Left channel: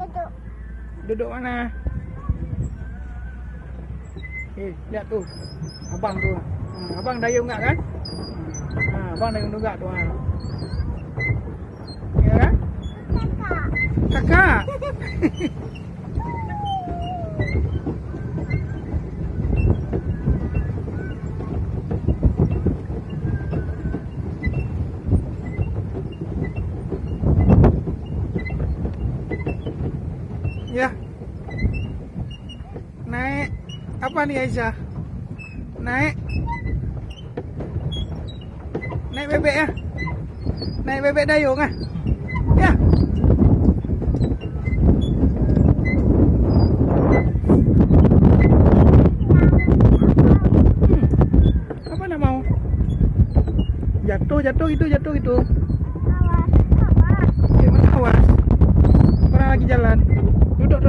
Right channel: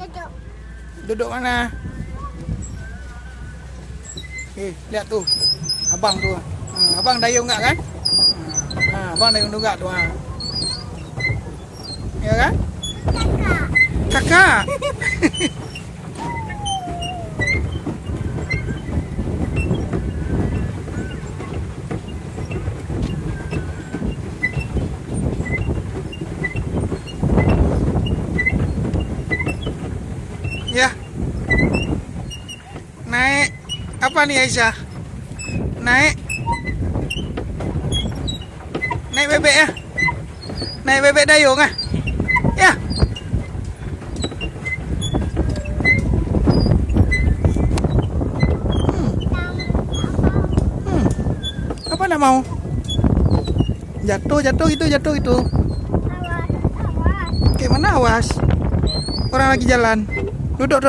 Duduk. Duduk mana? Lihat tuh. Abang tuh. Abang dayung enggak kan? Abang dayung enggak tuh. Ya kan? Kakak. Ya. Naik. Apa nih Aisyah? Naik. Naik bebek ya? Naik bebek dayung ah? Ya. Apa nak mau? Jatuh itu. Awas. Gimana awas? Orang lagi jalan. Duduk.